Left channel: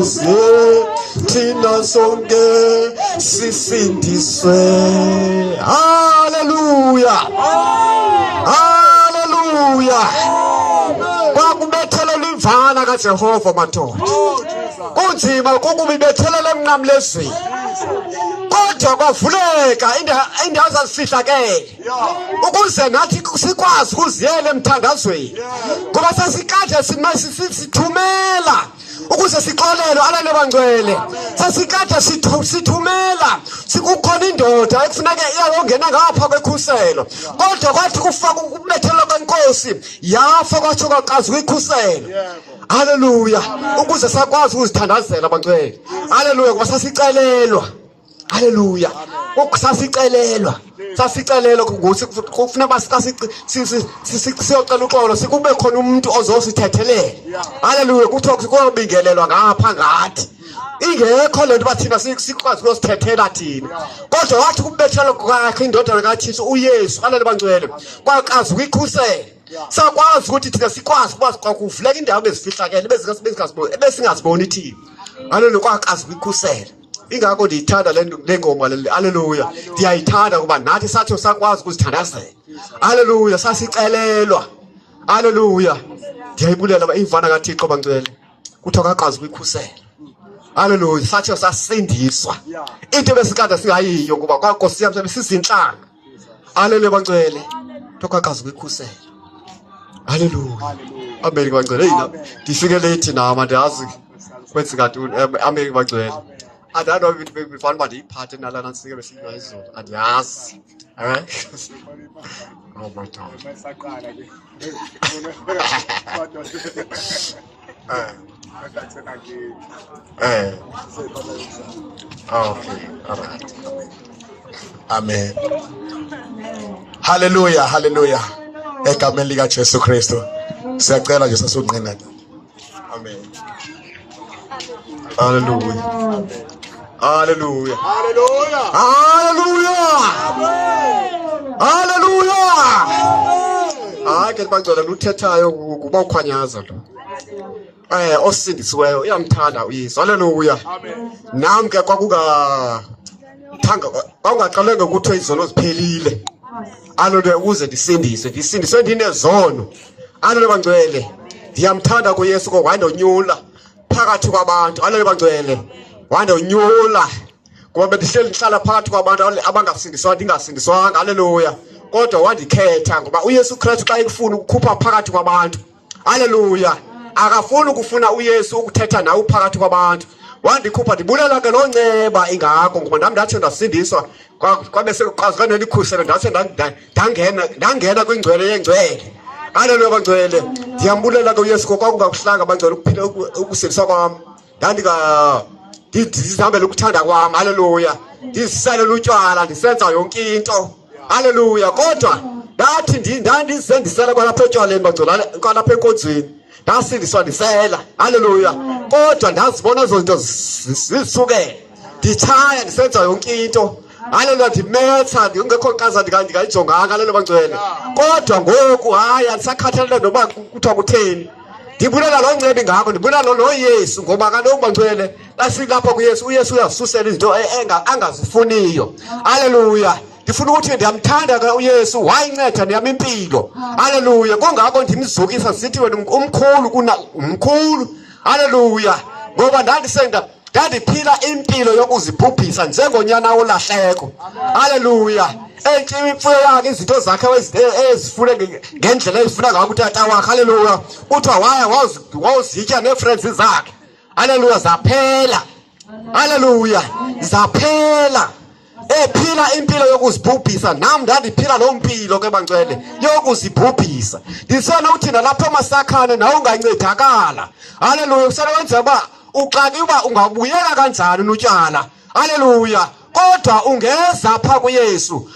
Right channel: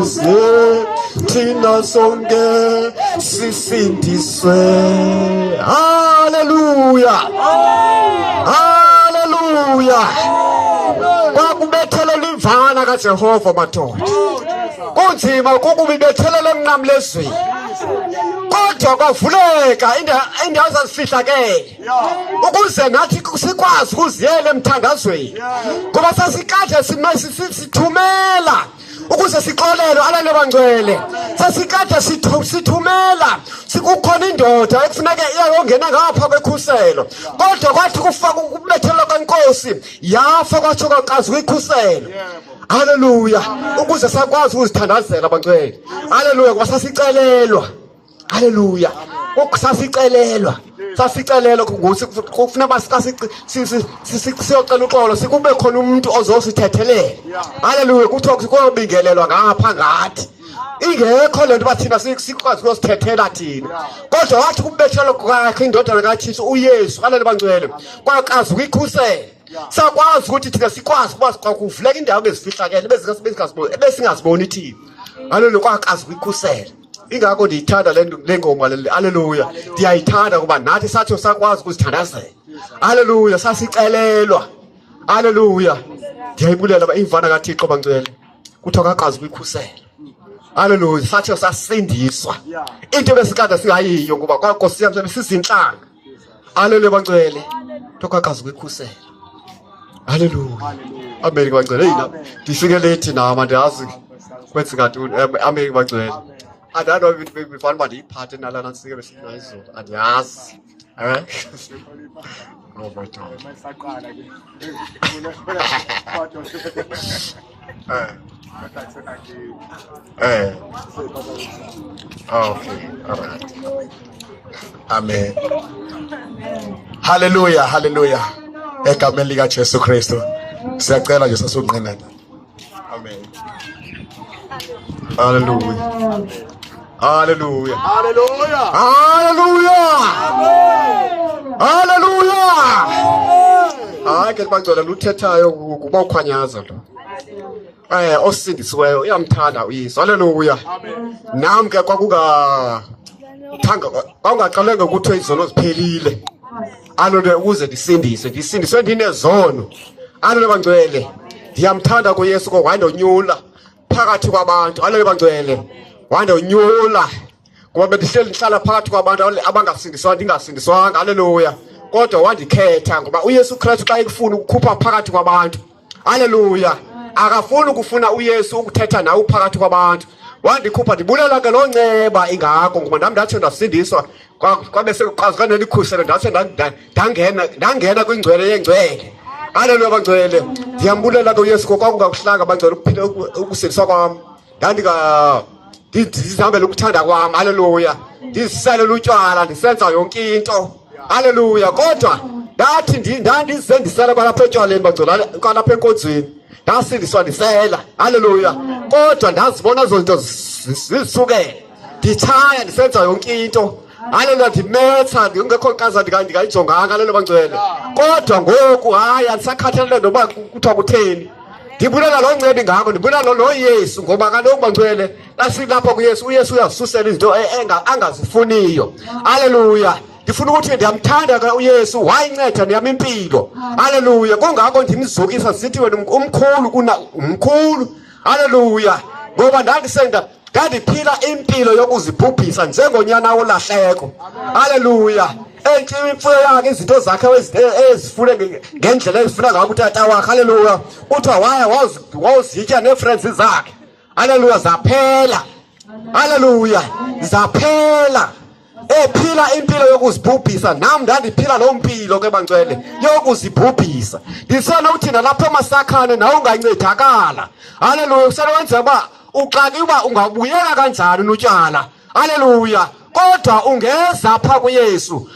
ukuze thina sonke sisindiswe. Haleluya, haleluya. Kwakubethelela imvana kaJehova madoda, kunzima ukubibethelela emnqamlezweni, kodwa kwavuleka indawo zazifihlakele ukuze nathi sikwazi ukuziyela emthandazweni, ngoba sasikade sithumela ukuze sixolelwe alale bangcwele. Sasikade sithumela sikukhona indoda ekufuneka iyayongena ngapha kwekhuselo, kodwa kwathi kufaka ukubethelwa kwenkosi yafa kwathi kwaqazi kwikhuselo. Haleluya, ukuze sakwazi ukuzithandazela bangcwele. Haleluya, ngoba sasicelelwa. Haleluya, sasicelelwa ukuthi kufuna siyocela uxolo, sikube khona umuntu ozosithethelela. Haleluya, kuthiwa kuyobingelelwa ngapha ngathi ingekho lento bathina sikwazi ukuzithethela thina, kodwa wathi kubethelwa kwakhe indodana kaThixo uYesu. Haleluya bangcwele, kwaqazi ukuyikhusela. Sakwazi ukuthi thina sikwazi ukuba kuvuleka indawo ezifihlakele ebesingaziboni thina. Haleluya, kwaqazi ukuyikhusela. Ingakho ndiyithanda le ngoma le. Haleluya, ndiyayithanda kuba nathi sathi sakwazi ukuzithandazela. Haleluya, sasicelelwa. Haleluya, ndiyayibulela imvana kaThixo bangcwele, kuthiwa kaqazi ukuyikhusela. Haleluya, sathi sasindiswa into besikade singayiyo ngoba kwaNkosi yami sizinhlanga. Haleluya bangcwele, kuthiwa kaqazi ukuyikhusela. Haleluya, amen bangcwele. Yina ndifike late nama ndiyazi kwenzeka ntoni. Amen bangcwele. I don't know if we found my part in Alan and Singer. And yes, all right. Oh my God. Okay, all right. Amen. Hallelujah, hallelujah. Egameni lika Jesu Kristu siyacela nje sasunqina. Amen. Hallelujah. Hallelujah. Hallelujah. Hallelujah. Hallelujah. Hayi ke bangcwele luthethayo kuba ukhwanyaza lo. Osindisiweyo uyamthanda uYesu. Hallelujah. Nami ke kwakungaqalanga ukuthi izono ziphelile. Hallelujah, ukuze ndisindiswe ndinezono. Hallelujah bangcwele, ndiyamthanda kuYesu ngoba wandonyula phakathi kwabantu. Hallelujah bangcwele, wandonyula ngoba bendihleli ndihlala phakathi kwabantu abangasindiswanga ndingasindiswanga. Haleluya, kodwa wandikhetha ngoba uYesu Kristu xa ekufuna ukukhupha phakathi kwabantu. Haleluya, akafuni ukufuna uYesu ukuthetha nawe phakathi kwabantu. Wandikhupha, ndibulela ke loo nceba ingako ngoba nami ndathi ndasindiswa kwabe sekuqazikane likhuselo ndathi ndangena kwingcwele yengcwele. Haleluya bangcwele, ndiyambulela ke uYesu ngoba kwakungakuhlanga bangcwele ukuphila ukusindiswa kwami. Ndizihambela ukuthanda kwami. Haleluya, ndizisalela utywala, ndisenza yonke into. Haleluya, kodwa ndathi ndandizendisela kwalapha etywaleni bangcwele, kwalapha enkonzweni ndasindiswa ndisela. Haleluya, kodwa ndazibona zonto zisukele, nditshaya ndisenza yonke into. Haleluya, ndimetha ndingekho nkaza ndingayijonganga. Haleluya bangcwele, kodwa ngoku hayi andisakhathalele noba kuthiwa kutheni. Ndibulela loo nceba ingako, ndibulela lo Yesu ngoba kaloku bangcwele asilapha kuYesu. UYesu uyazisusela izinto angazifuniyo. Haleluya, ndifuna ukuthi ndiyamthanda ke uYesu, wayinceda ndiyam impilo. Haleluya, kungako ndimzukisa sithi wena umkhulu. Haleluya, ngoba ndandiphila impilo yokuzibhubhisa njengonyana wolahleko. Haleluya, imfuyo yakhe, izinto zakhe ezifune ngendlela ezifuna ngayo utata wakhe. Haleluya, kuthiwa wawuzitya nee-friends zakhe. Haleluya, zaphela. Haleluya, zaphela. Ephila impilo yokuzibhubhisa, nami ndandiphila loo mpilo ke bangcwele yokuzibhubhisa. Ndisona uthina lapha emasakhane nawe ungancedakala. Haleluya, usenowenza uba uqale uba ungabuyela kanjani notyala. Haleluya, kodwa ungeza apha kuYesu,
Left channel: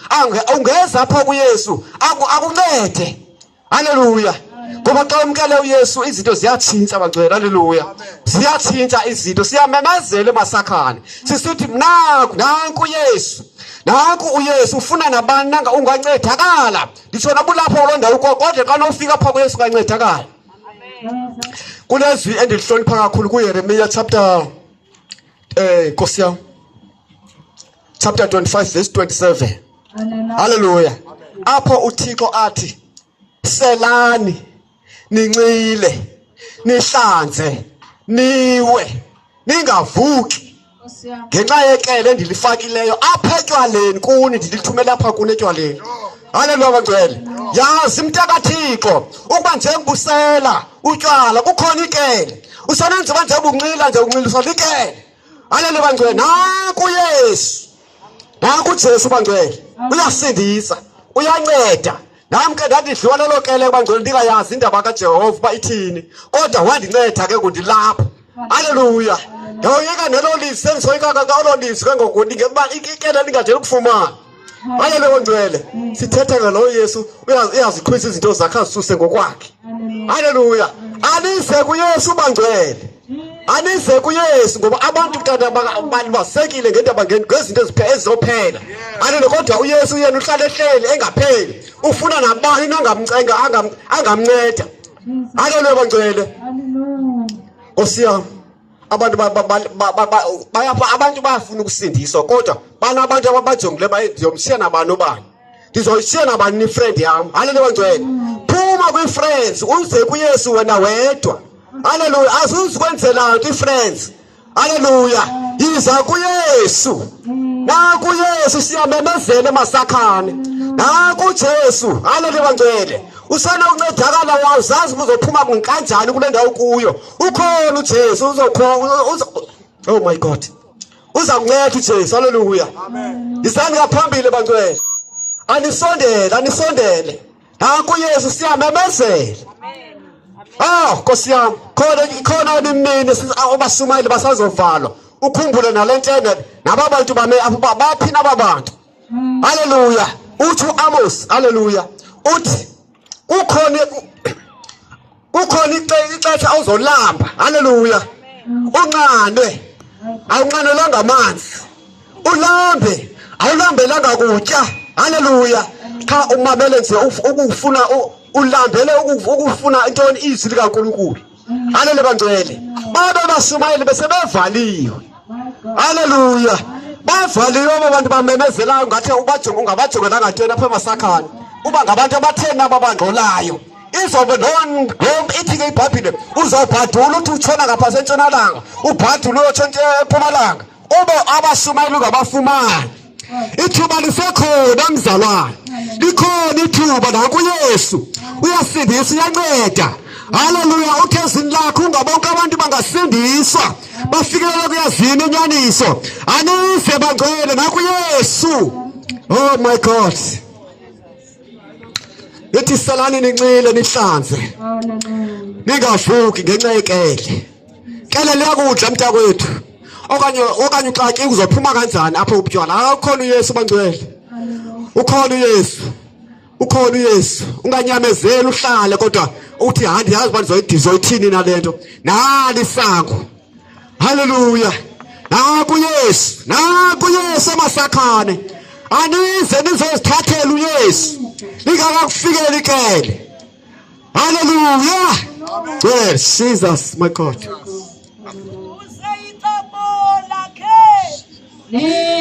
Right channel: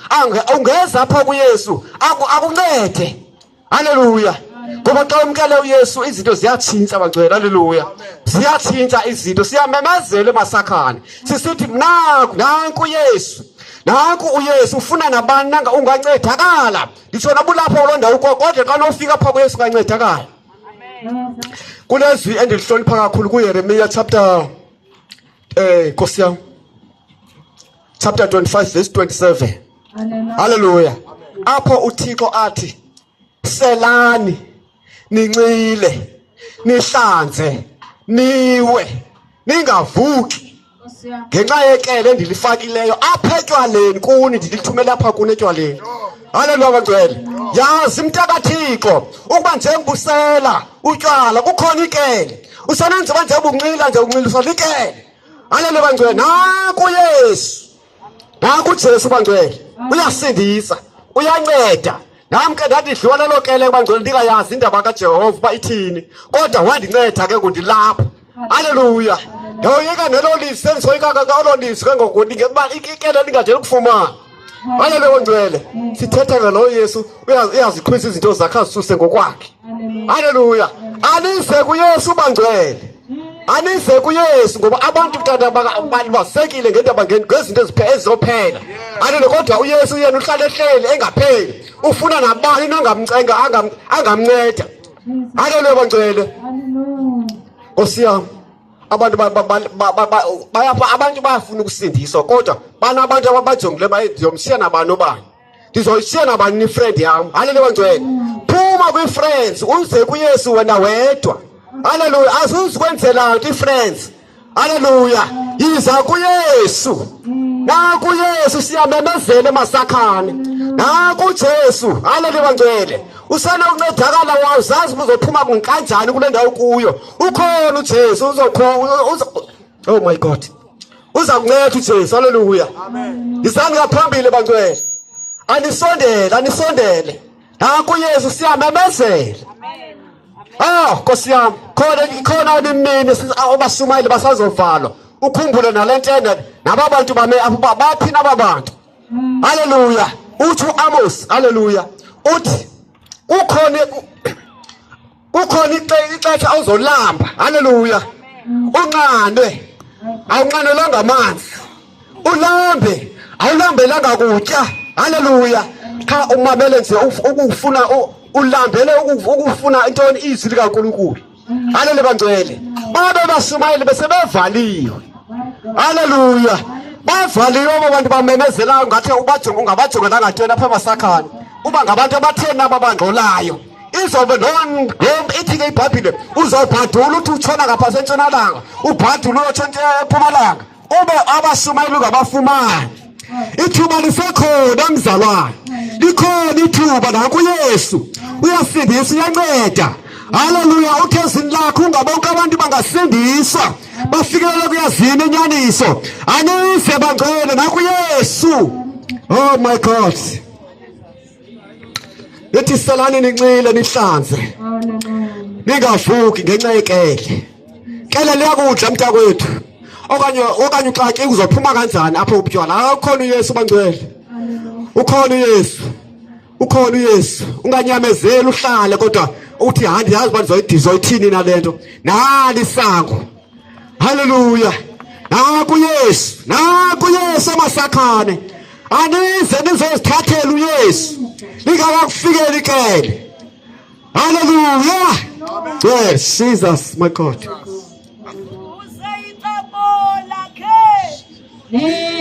ungeza apha kuYesu akuncede. Haleluya, ngoba xa umkele uYesu izinto ziyatshintsha bangcwele. Haleluya, ziyatshintsha izinto, siyamemezela emasakhane sisithi nanku uYesu, nanku uYesu ufuna nabani nanga ungancedakala. Nditsho nabulapho kuloo ndawo kodwa xa nofika apha kuYesu ungancedakala. Kulezwi endilihlonipha kakhulu kuYeremiya chapter Nkosi yami, chapter 25 verse 27. Hallelujah. Apho uThixo athi selani nincile nihlanze niwe ningavuki ngenxa yekele endilifakileyo apha etywaleni kuni, ndilithumela apha kuni etywaleni. Haleluya bangcwele. Yazi mntakaThixo ukuba njengobusela utywala kukhona ikele, usanenza nje ubunxila nje unxiliswa likele. Haleluya bangcwele. Naku Yesu, naku Jesu bangcwele, uyasindisa, uyanceda. Nami ke ndathi dliwa lelo kele bangcwele ndingayazi indaba kaJehova uba ithini, kodwa wandinceda ke ngundilapha. Haleluya. Yawuyeka nelo lizwi sengisoyika olo lizwi ke ngoku ngekuba ikele lingajeli ukufumana. Haleluya bangcwele. Sithetha ngalo Yesu, uyazikhwisa izinto zakhe azisuse ngokwakhe. Haleluya. Anise kuYesu bangcwele. Anise kuYesu ngoba abantu kutata balibasekile ngendaba ngezinto ezizophela. Haleluya. Kodwa uYesu yena uhlala ehleli engapheli, ufuna nabani nongamcenga angamnceda. Haleluya bangcwele. Nkosi yami, abantu abantu bayafuna ukusindiswa, kodwa banabantu ababajongile baye ndiyomshiya nabani obani, ndizoyishiya nabani ni friend yami. Haleluya bangcwele. Phuma kwi-friends uze kuYesu wena wedwa. Haleluya. Azuzikwenzela nto i-friends. Haleluya. Yiza kuYesu. Naku Yesu siyamemezela emasakhane. Naku Jesu. Haleluya bangcwele. Usana uncedakala wazazi uzophuma kanjani kule ndawo kuyo. Ukhona uJesu oh my God. Uza kunceda uJesu. Haleluya. Amen. Isani ngaphambili bangcwele. Anisondele. Naku Yesu siyamemezela. Nkosi yami, khona nimini abasumayeli basazovalwa. Ukhumbule nalentene nababantu baphi nababantu. Haleluya. Uthi uAmos, haleluya, uthi ukhona ixesha awuzolamba. Haleluya. Unqandwe, awunqanelanga amanzi. Ulambe, awulambelanga kutya. Haleluya. Cha umamele nje ukufuna ulambele ukufuna intoni izwi likaNkulunkulu. Haleluya bangcwele. Babe basumayeli besebevaliwe. Haleluya. Bavaliwe abantu bamemezelayo ngathi ungabajonga ngantoni apha emasakhane. Uba ngabantu abatheni ababangcolayo. Izobe ithi ke iBhayibhile uzobhadula uthi utshona ngapha sentshonalanga, ubhadule uyotshona eMpumalanga. Ube abasumayeli ungabafumani. Ithuba lisekhona mzalwane. Likhona ithuba naku Yesu. Uyasindisa, uyanceda. Haleluya. Uthi ezini lakho ungabonke abantu bangasindiswa bafikelele kuyazini inyaniso. Anise bangcwele naku Yesu. Oh my God. Yethi salani nincile nihlanze. Ningavuki ngenxa yekele. Kele liyakudla mntakwethu. Okanye uxaki uzophuma kanjani apho ubutywala. Ukhona uYesu bangcwele. Ukhona uYesu. Ukhona uYesu. Unganyamezeli uhlale kodwa uthi hayi yazi uba ndizoyithini nalento. Nali isango. Haleluya. Naku Yesu. Naku Yesu amasakhane. Anize nizozithathela uYesu. Lingakakufikeli ikele. Haleluya. Yes, Jesus, my God. Yeah.